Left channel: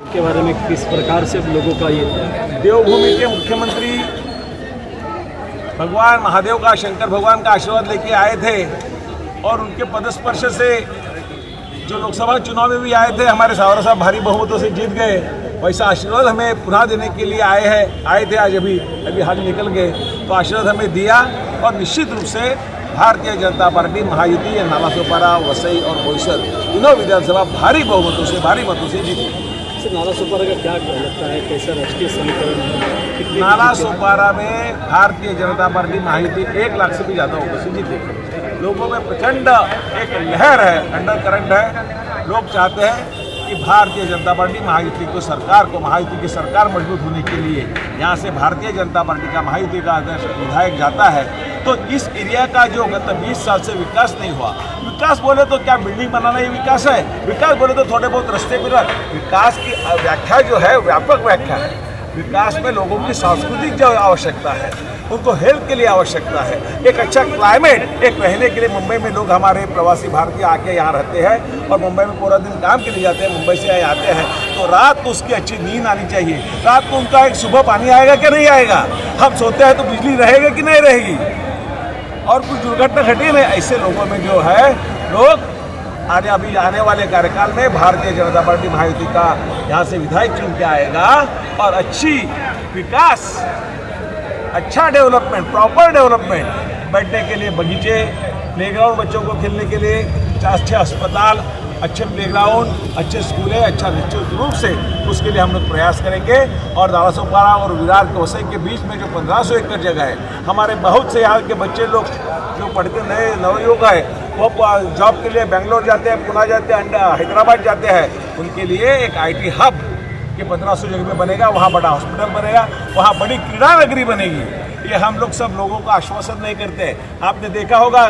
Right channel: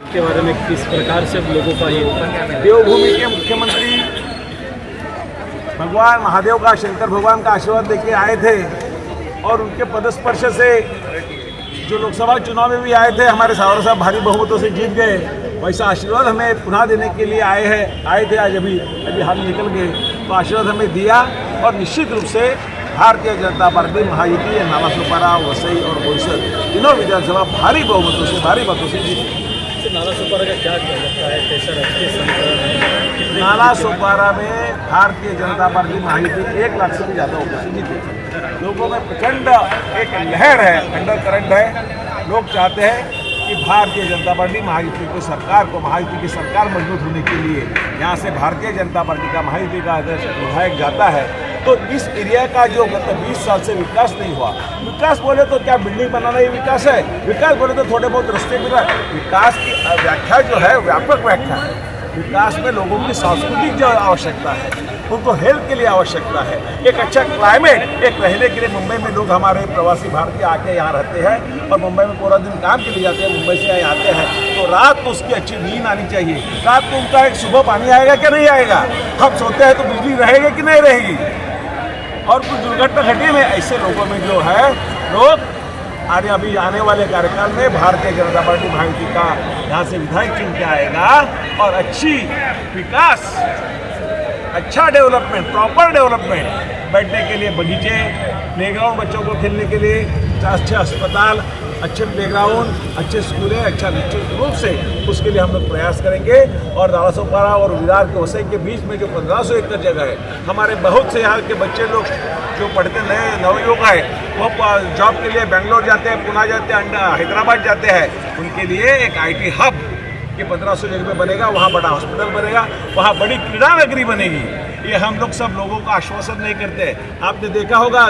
के बारे में किस प्रकार से लोगों का ये देवभूमि के मुख्यमंत्री भगवान महादेव का, शंकर भगवान का आशीर्वाद लेके आए थे और उनके पदस्पर्श से जो लोकसभा चुनाव में भी आए थे, हमारे सावरा साहब भारी बहुमतों से जीत गए। वैसा आशीर्वाद हमें पुनः देने के लिए आए थे। आज अभी हाल निकल गए, तो आशीर्वाद हमें दिया और निश्चित रूप से भारतीय जनता पार्टी महायुति या नालासोपारा, वसई और बोईसर तीनों विधानसभा भारी बहुमतों से जीती। नालासोपारा का क्या लगता है, कैसा राजकीय समीकरण है? नालासोपारा में भारतीय जनता पार्टी महायुति 1 लाख से भी ज़्यादा उपस्थिति थी। लोगों में प्रचंड एक लहर है, अंडर करंट है। लोग चाहते हैं कि भारतीय जनता पार्टी महायुति की सरकार मजबूत होने के लिए यहाँ से भारतीय जनता पार्टी का, महायुति का अगर विधायक जाता है तो इस एरिया का जो गत 20 साल से विकास नहीं हुआ, विकास बोले तो क्या बिल्डिंग बनाना ही विकास है? विकास बोले तो थोड़े बहुत रास्ते भी। विकास की व्याख्या जो है व्यापक व्याख्या है। विकास में लोगों की सांस्कृतिक जो आवश्यकता है, उनको हेल्थ के लिए आवश्यकता है, एक अच्छा क्लाइमेट, एक रहने के लिए। मुंबई में लोग हमारे प्रवासी भारतीय आके यहाँ रहते हैं और मुंबई में पूरा दिन काम के लिए जाते हैं, मुंबई से आते हैं, तो रात को उसकी अच्छी नींद आनी चाहिए। रात को उनका एक सुबह पानी आएगा कि नहीं आएगा? हम सोते हैं तो बिजली रहेगी कि नहीं रहेगी? और कुछ दुर्घटना घटी में ऐसे लोगों में जो है लोग अभी आने वाले कार्यकाल में भारतीय जनता पार्टी महायुति का यहाँ से विधायक चुन के आएगा और अच्छी विकास, अच्छा डेवलपमेंट, प्रॉपर डेवलपमेंट, बैठने के लिए बगीचे, प्लेग्राउंड बच्चों को खेलने के लिए, अच्छे अस्पताल, अच्छे प्लेग्राउंड, अच्छे स्कूल है, अच्छा निश्चित रूप से उसके लिए हम लोग प्रयास करेंगे। और नालासोपारा और विरार के वसई के बीच में जो 1500 एकड़ जगह है, हमारे बहुत से यहाँ के बच्चे लोग जो पढ़ते नए नवयुवक है, वो जॉब के लिए बेंगलोर जाते हैं, पुणे जाते हैं, हैदराबाद जाते हैं। उनके लिए एक IT हब के 1500 जगह पे बनेगा, वहाँ बड़ा हॉस्पिटल बनेगा, वहाँ बड़ी क्रीड़ा नगरी बनेगी। ये हम लोग सब लोगों का आश्वासन नहीं करते। आपने देखा होगा,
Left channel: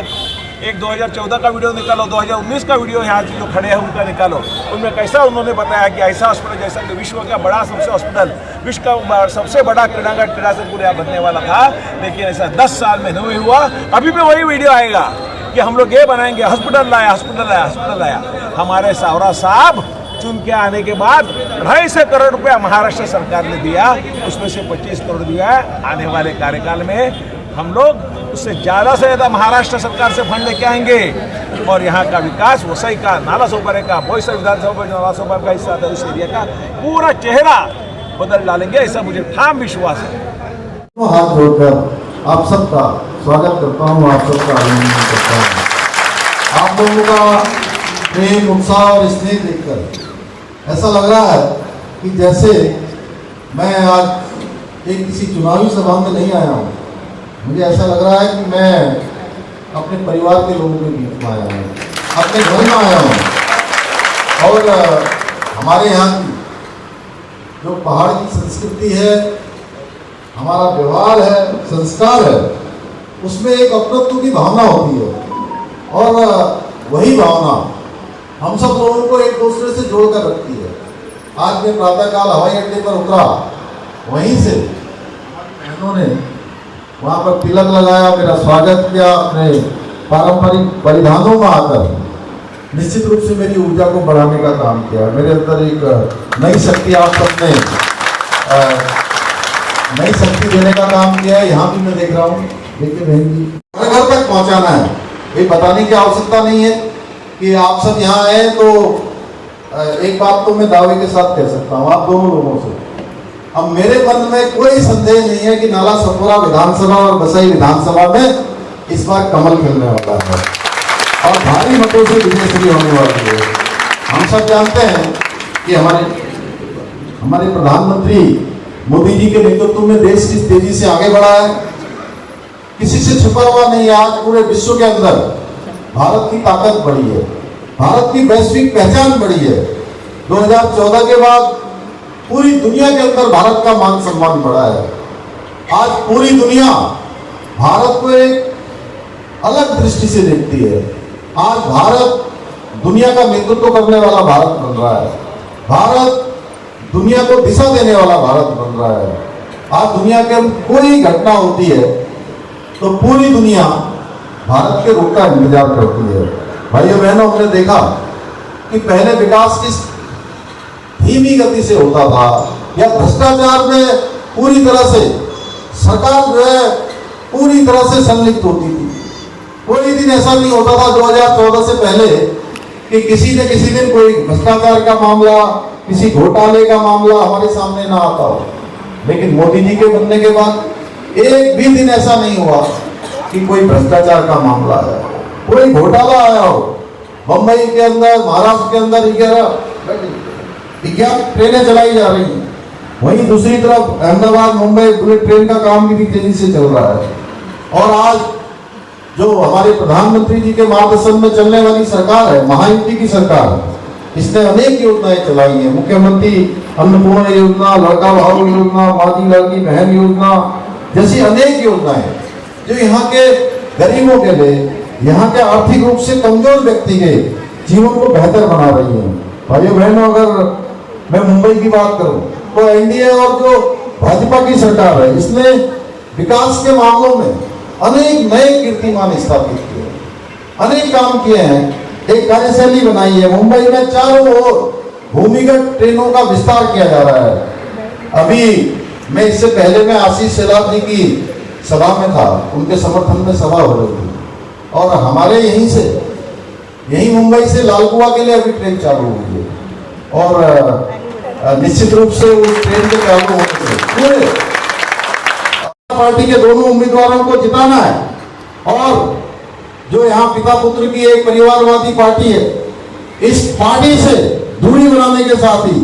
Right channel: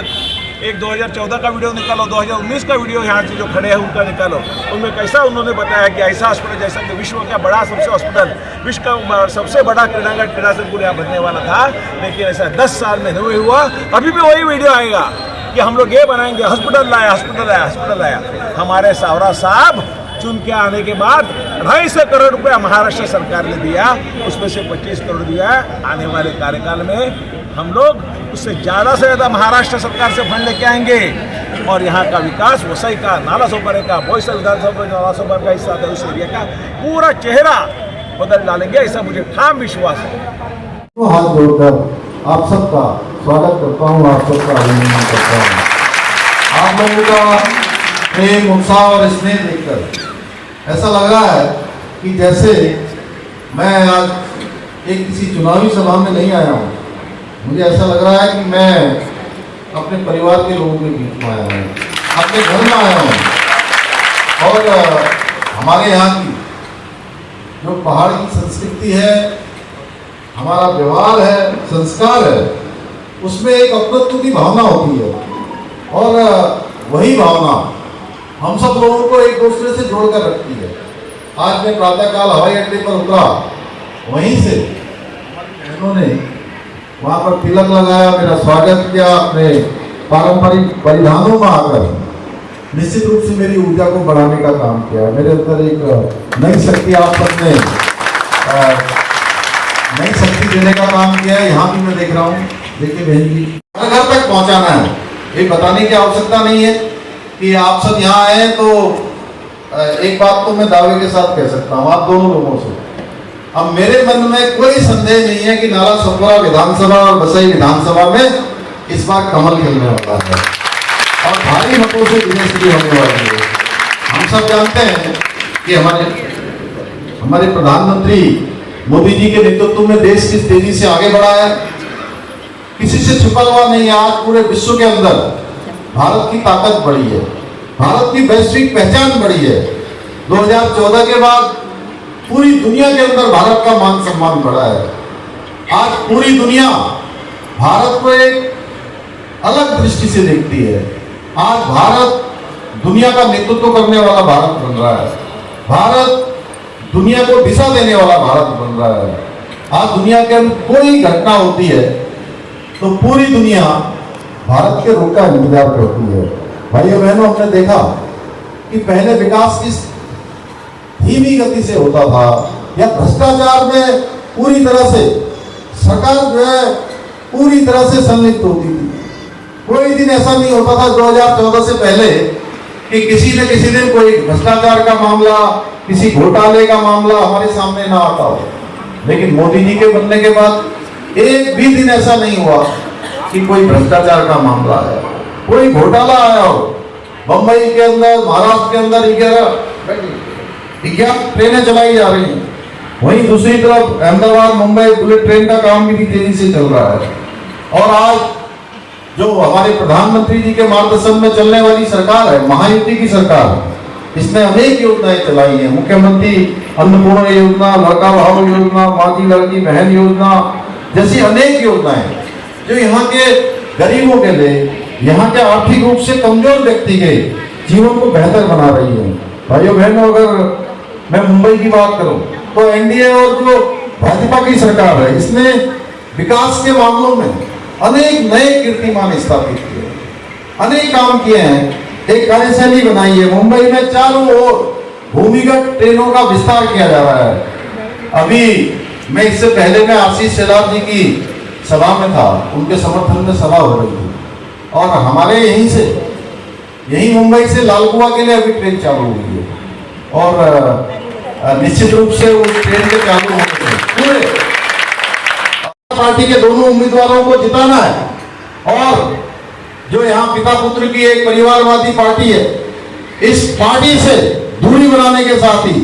एक 2014 का वीडियो निकालो, 2019 का वीडियो यहाँ से जो खड़े हैं उनका निकालो। उनमें कैसा उन्होंने बताया कि ऐसा हॉस्पिटल जैसा कि विश्व का बड़ा सबसे हॉस्पिटल, विश्व का सबसे बड़ा क्रीड़ा संकुल यहाँ बनने वाला था, लेकिन ऐसा 10 साल में नहीं हुआ। अभी भी वही वीडियो आएगा कि हम लोग ये बनाएंगे, हॉस्पिटल लाया। हमारे सावरा साहब चुन के आने के बाद 250 करोड़ रुपया महाराष्ट्र सरकार ने दिया, उसमें से 25 करोड़ दिया। आने वाले कार्यकाल में हम लोग उससे ज़्यादा से ज़्यादा महाराष्ट्र सरकार से फंड लेके आएंगे और यहाँ का विकास, वसई का, नालासोपारा का, बोईसर विधानसभा नालासोपारा का हिस्सा था, उस एरिया का पूरा चेहरा बदल डालेंगे, ऐसा मुझे ठाम विश्वास है। तो हाथ जोड़कर आप सबका स्वागत करता हूँ, आप सबका अभिनंदन करता हूँ। आप लोगों का प्रेम, उत्साह और स्नेह देखकर ऐसा लग रहा है कि जैसे मैं आज एक किसी चुनावी सभा में नहीं आया हूँ। मुझे ऐसा लग रहा है कि मैं अपने परिवार के लोगों के बीच में आया हूँ, अपने घर में आया हूँ। और हमारे यहाँ की जो पहाड़ की संस्कृति है, हमारा व्यवहार है, संस्कार है, उसमें एक अपनत्व की भावना होती है और वही भावना हम सब लोगों को एक दूसरे से जोड़कर रखती है। आज मैं प्रातःकाल हवाई अड्डे पर उतरा, वहीं से उन्होंने वहाँ पर तिलक लगाया, मेरा स्वागत किया अपने पारंपरिक परिधानों में आकर। निश्चित रूप से मेरी ऊर्जा को बढ़ाने का काम किया। मेरे अंदर एक नई शक्ति आप सबने नई शक्ति देने का काम किया है। यहाँ भी मैं देख रहा हूँ, देखिए बहन जी, घर तक पहुँचाना है। ये बताने की आवश्यकता नहीं है कि आप सब यहाँ आए। तो एक बात तो मैं दावे के साथ कह सकता हूँ आप दोनों लोगों से, अब मेरे मन में कोई संदेह नहीं है कि नालासोपारा विधानसभा और वसई विधानसभा में इस बार कमल खेलने वाला है और भारी मतों से विजय होने वाली है। हम सब जानते हैं कि हमारे प्रधानमंत्री मोदी जी के नेतृत्व में देश किस तेजी से आगे बढ़ा है, किसी से छुपा हुआ नहीं है। आज पूरे विश्व के अंदर भारत की ताकत बढ़ी है, भारत की वैश्विक पहचान बढ़ी है। 2014 के बाद पूरी दुनिया के अंदर भारत का मान सम्मान बढ़ा है। आज पूरी दुनिया भारत को एक अलग दृष्टि से देखती है। आज भारत दुनिया का नेतृत्व करने वाला भारत बन रहा है। भारत दुनिया को दिशा देने वाला भारत बन रहा है। आज दुनिया के अंदर कोई घटना होती है तो पूरी दुनिया भारत के रुख का इंतजार करती है। भाइयों बहनों, हमने देखा कि पहले विकास की धीमी गति से होता था, या भ्रष्टाचार में पूरी तरह से सरकार जो है पूरी तरह से संलिप्त होती थी। कोई दिन ऐसा नहीं होता था 2014 से पहले कि किसी न किसी दिन कोई भ्रष्टाचार का मामला, किसी घोटाले का मामला हमारे सामने ना आता हो। लेकिन मोदी जी के बनने के बाद एक भी दिन ऐसा नहीं हुआ कि कोई भ्रष्टाचार का मामला आया, कोई घोटाला आया हो। बंबई के अंदर, महाराष्ट्र के अंदर 11 ट्रेनें चलाई जा रही हैं। वहीं दूसरी तरफ अहमदाबाद मुंबई बुलेट ट्रेन का काम भी तेजी से चल रहा है। और आज जो हमारे प्रधानमंत्री जी के मार्गदर्शन में चलने वाली सरकार है, महायुति की सरकार है, इसने अनेक योजनाएं चलाई हैं। मुख्यमंत्री अन्नपूर्णा योजना, लड़का बचाओ योजना, माँ की लड़की बहन योजना जैसी अनेक योजनाएं जो यहाँ के गरीबों के लिए, यहाँ के आर्थिक रूप से कमजोर व्यक्ति के जीवन को बेहतर बना रही है। भाइयों बहनों, अगर मैं मुंबई की बात करूं तो एनडीए और जो भाजपा की सरकार है, इसने विकास के मामलों में अनेक नए कीर्तिमान स्थापित किए, अनेक काम किए हैं। एक कार्यशैली बनाई है। मुंबई में चारों ओर भूमिगत ट्रेनों का विस्तार किया जा रहा है। अभी मैं इससे पहले मैं आशीष शेलार जी की सभा में था, उनके समर्थन में सभा हो रही थी, और हमारे यही मुंबई से लालकुआ के लिए अभी ट्रेन चालू हुई है। और निश्चित रूप से उस ट्रेन के चालू होने से पूरे पार्टी के दोनों उम्मीदवारों को जिताना है। और जो यहाँ पिता पुत्र की एक परिवारवादी पार्टी है, इस पार्टी से दूरी बनाने के साथ ही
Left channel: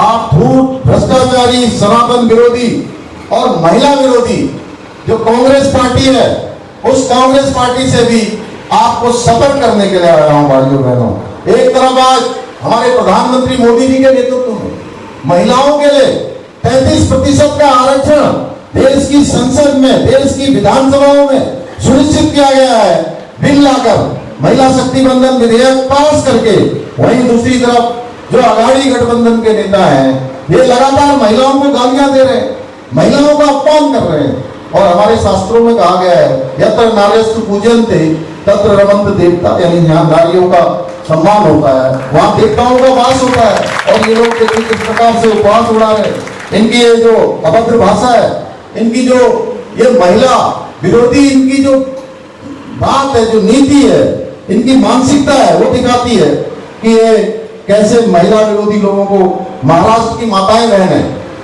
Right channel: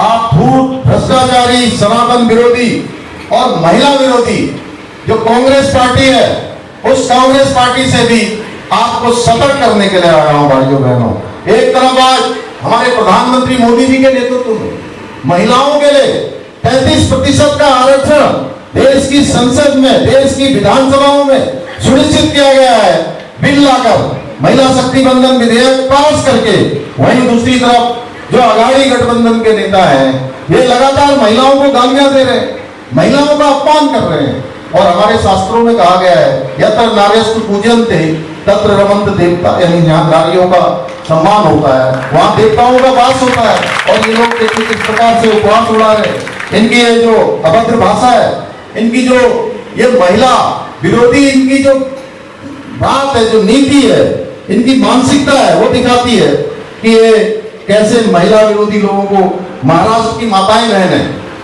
आप भूत, भ्रष्टाचारी, सनातन विरोधी और महिला विरोधी जो कांग्रेस पार्टी है, उस कांग्रेस पार्टी से भी आपको सतर्क करने के लिए आया हूं। भाइयों बहनों, एक तरफ आज हमारे प्रधानमंत्री मोदी जी के नेतृत्व में महिलाओं के लिए 33% का आरक्षण देश की संसद में, देश की विधानसभाओं में सुनिश्चित किया गया है। बिल लाकर महिला शक्ति बंधन विधेयक पास करके, वहीं दूसरी तरफ जो अघाड़ी गठबंधन के नेता हैं, ये लगातार महिलाओं को गालियां दे रहे हैं, महिलाओं का अपमान कर रहे हैं। और हमारे शास्त्रों में कहा गया है, यत्र नार्यस्तु पूज्यन्ते तत्र रमन्त देवता, यानी जहाँ नारियों का सम्मान होता है वहाँ देवताओं का वास होता है। और ये लोग देखिए किस प्रकार से उपवास उड़ा रहे। इनकी ये जो अभद्र भाषा है, इनकी जो ये महिला विरोधी इनकी जो बात है, जो नीति है, इनकी मानसिकता है, वो दिखाती है कि ये कैसे महिला विरोधी लोगों को, महाराष्ट्र की माताएं बहन है,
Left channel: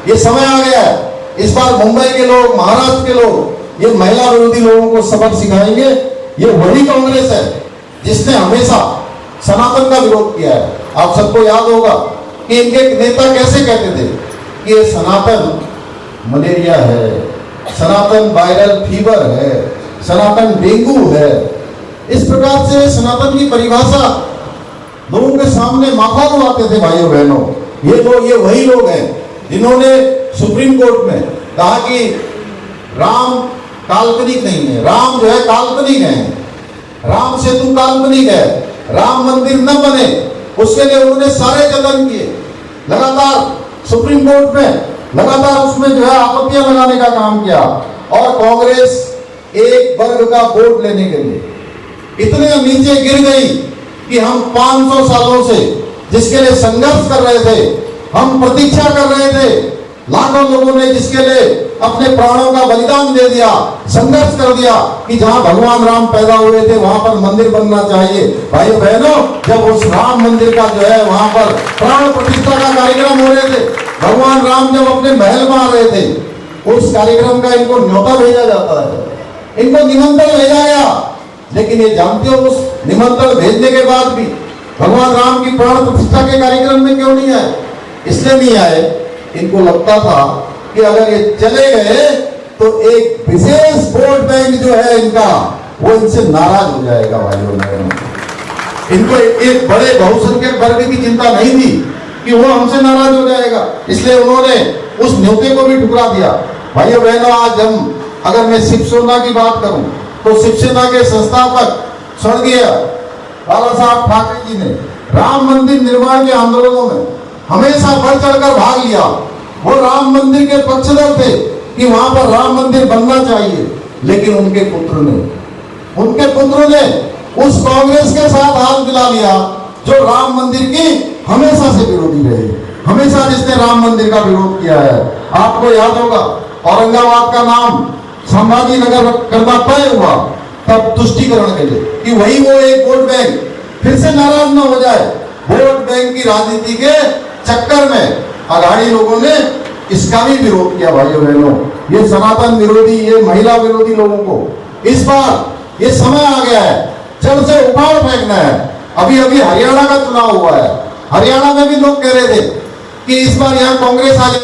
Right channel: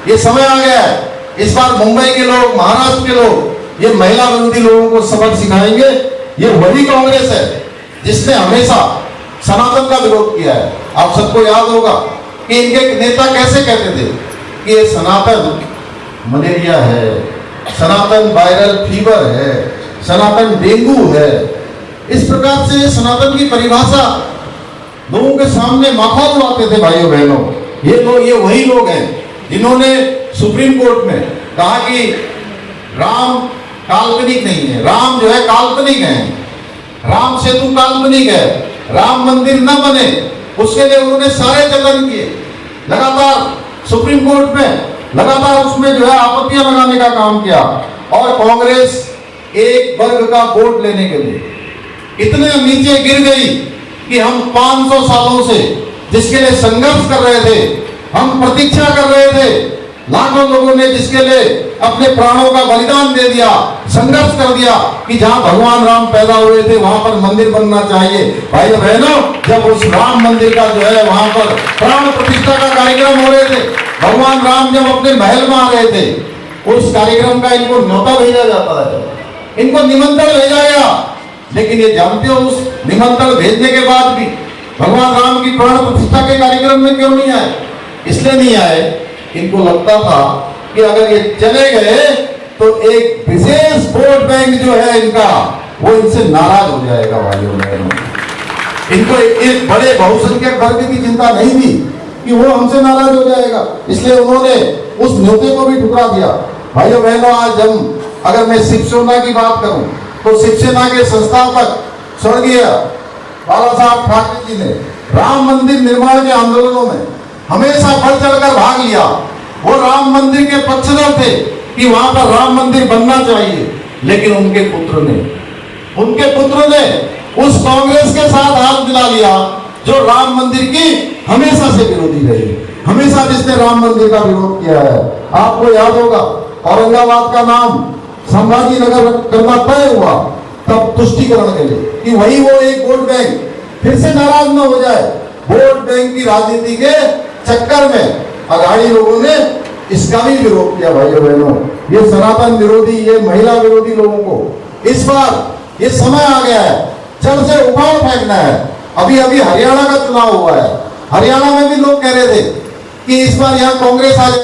ये समय आ गया है। इस बार मुंबई के लोग, महाराष्ट्र के लोग ये महिला विरोधी लोगों को सबक सिखाएंगे। ये वही कांग्रेस है जिसने हमेशा सनातन का विरोध किया है। आप सबको याद होगा कि इनके नेता कैसे कहते थे कि ये सनातन मलेरिया है, सनातन वायरल फीवर है, सनातन डेंगू है। इस प्रकार से सनातन की परिभाषा लोगों के सामने माखा उड़ाते थे। भाइयों बहनों, ये वही लोग हैं जिन्होंने सुप्रीम कोर्ट में कहा कि राम काल्पनिक नहीं है, राम जो है काल्पनिक है, राम सेतु काल्पनिक है, राम मंदिर न बने, उसके लिए उन्होंने सारे जतन किए। लगातार सुप्रीम कोर्ट में लगातार उसमें जो है आपत्तियां लगाने का काम किया। और कांग्रेस एक वर्ग का वोट लेने के लिए इतने नीचे गिर गई कि हम 500 सालों से जिसके लिए संघर्ष कर रहे थे, हम प्रतीक्षा कर रहे थे, लाखों लोगों ने जिसके लिए अपने प्राणों का बलिदान दे दिया, संघर्ष कर दिया कि जहां भगवान राम पैदा हुए थे वहां पर मंदिर बनना चाहिए। भाई बहनों, जब उस राम मंदिर का जो है वहां पर प्राण प्रतिष्ठा का कार्यक्रम हो रहे थे, भगवान राम जब अपने महल में आ रहे थे, उस कार्यक्रम का इनको न्योता भेजा जाता है, इनको निमंत्रण भेजा गया। लेकिन ये जानते हो, उस निमंत्रण भेजने के बाद भी भगवान राम की प्राण प्रतिष्ठा के कार्यक्रम में क्यों नहीं आए? इसलिए नहीं आए, इनको लगता था कि अगर ये चले गए तो एक विशेष वोट बैंक जो है इनका, वो इनसे नाराज हो जाएगा। भाइयों बहनों, इनको एक बड़े बहुसंख्यक वर्ग की चिंता नहीं थी कि वो हमसे नाराज हो जाएगा, इसलिए उन्होंने उस न्योते को भी ठुकरा दिया। भाइयों बहनों, आज हम अगर मैं शिवसेना की बात करूं तो शिवसेना के संस्थापक स्वर्गीय बाला साहब ठाकरे जी ने राम मंदिर निर्माण के आंदोलनों में हमेशा बढ़ चढ़कर भाग लिया। वो राम मंदिर के पक्षधर थे कि वहां पर राम मंदिर बनना चाहिए। लेकिन उनके पुत्र ने उस कांग्रेस के साथ हाथ मिला लिया जो राम मंदिर की हमेशा से विरोधी रहे। हमेशा जिसने राम मंदिर का विरोध किया है। आपको याद होगा औरंगाबाद का नाम संभाजी नगर करना तय हुआ तब तुष्टिकरण के लिए कि वही वो एक वोट बैंक फिर से नाराज न हो जाए। वोट बैंक की राजनीति के चक्कर में अघाड़ी लोगों ने इसका भी विरोध किया। भाइयों बहनों, ये सनातन विरोधी, ये महिला विरोधी लोगों को इस बार ये समय आ गया है, जड़ से उखाड़ फेंकना है। अभी अभी हरियाणा का चुनाव हुआ है, हरियाणा में भी लोग कह रहे थे कि इस बार यहाँ कांग्रेस आ जाए।